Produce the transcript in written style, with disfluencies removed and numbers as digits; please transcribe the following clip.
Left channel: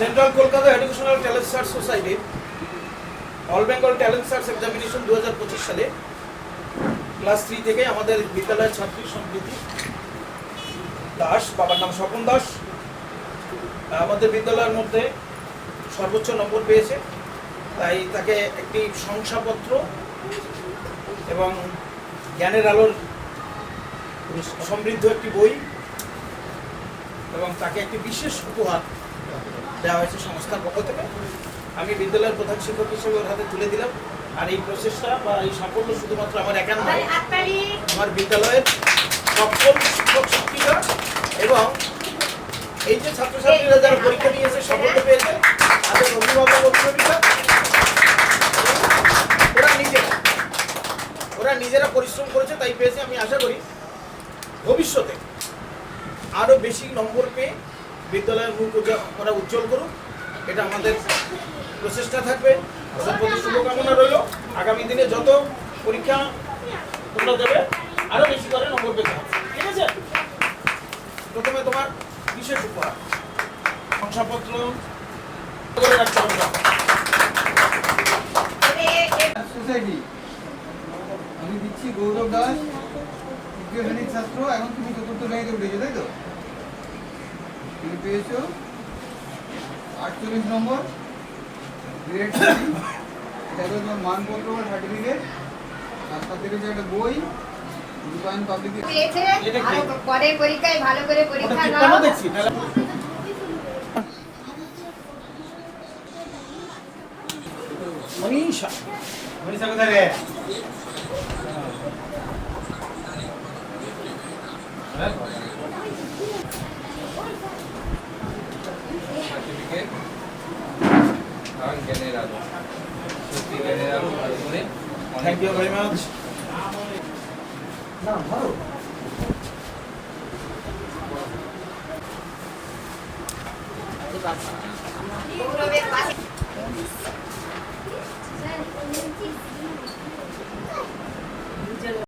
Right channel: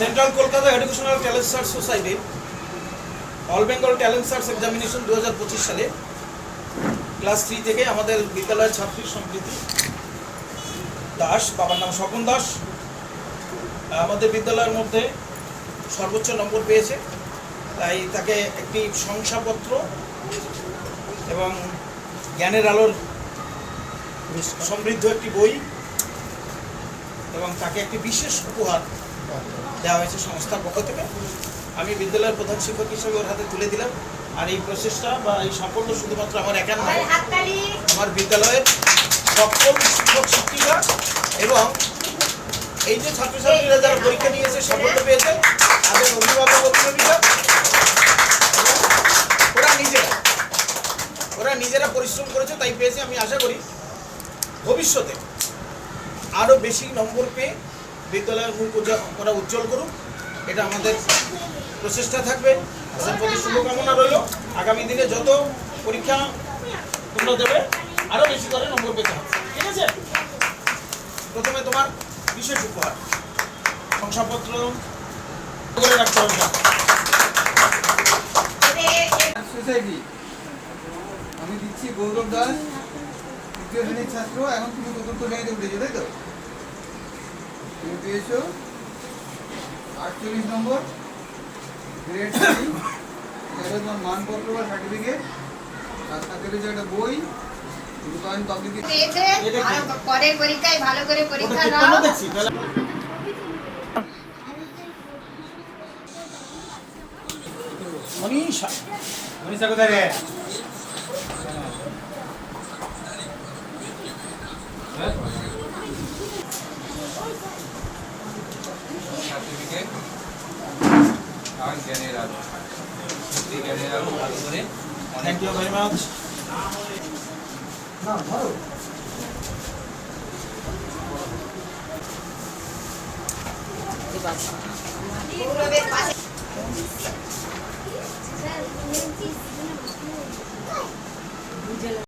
Central Kolkata educational talent search সোসাইটির all Bengal talent search examination 2025 সালে class 3 থেকে আমাদের বিদ্যালয়ের ছাত্রী সম্প্রীতি দাস, বাবার নাম স্বপন দাস, আমাদের বিদ্যালয়ের মধ্যে সর্বোচ্চ নম্বর পেয়েছে। তাই তাকে একটি শংসাপত্র এবং জ্ঞানের আলোর সমৃদ্ধ একটি বই এবং তাকে একটি বিশেষ উপহার দেওয়া হয়েছে সংস্থার পক্ষ থেকে। আমি বিদ্যালয়ের প্রধান শিক্ষক হিসেবে ওর হাতে তুলে দিলাম। আর এই প্রচেষ্টা বা এই সাফল্য শুধুমাত্র আমার একার নয়, আমার বিদ্যালয়ের সকল শিক্ষক শিক্ষিকা এবং এই যে ছাত্রছাত্রীরা যারা পরীক্ষা নিয়েছে সাফল্য পেয়েছে তাদের অভিভাবক অভিভাবিকা, ওরা নিজেরা পরিশ্রম করেছে তাই পেয়েছে। আমি আশা করি ভবিষ্যতে আরও বেশি নম্বর পেয়ে বিদ্যালয়ের মুখ ওরা উজ্জ্বল করুক, এটা আমাদের প্রচেষ্টা থাকবে। ওদের প্রতি শুভকামনা রইল। আগামী দিনে যত পরীক্ষা তোমরা দেবে আরও বেশি করে নম্বর পেতে হবে, ঠিক আছে? প্রথমে তোমার বিশেষ উপহার শংসাপত্র করে রাখতে হবে। সোসাইটি আমি দিচ্ছি গৌরব দাস, তৃতীয় শ্রেণীর ছাত্র। এখন তুমি চতুর্থ শ্রেণীতে উঠেছো, তাই তো? তুমি পেয়েছো 48 নম্বর, গ্রেড 3। এটা হলো তোমার মানপত্র বা সার্টিফিকেট, আর সাথে রয়েছে একটা বই। রূপায়ণ পাবলিক পরের পরীক্ষায় ভালো করে পরীক্ষা নাও। মনীষা কোথায় রে? সার্টিফিকেট আর জ্ঞানের আলো, সত্যি জ্ঞানের আলো করে থ্যাংক ইউ ভেরি মাচ। না ধরো গৌরবের পাশে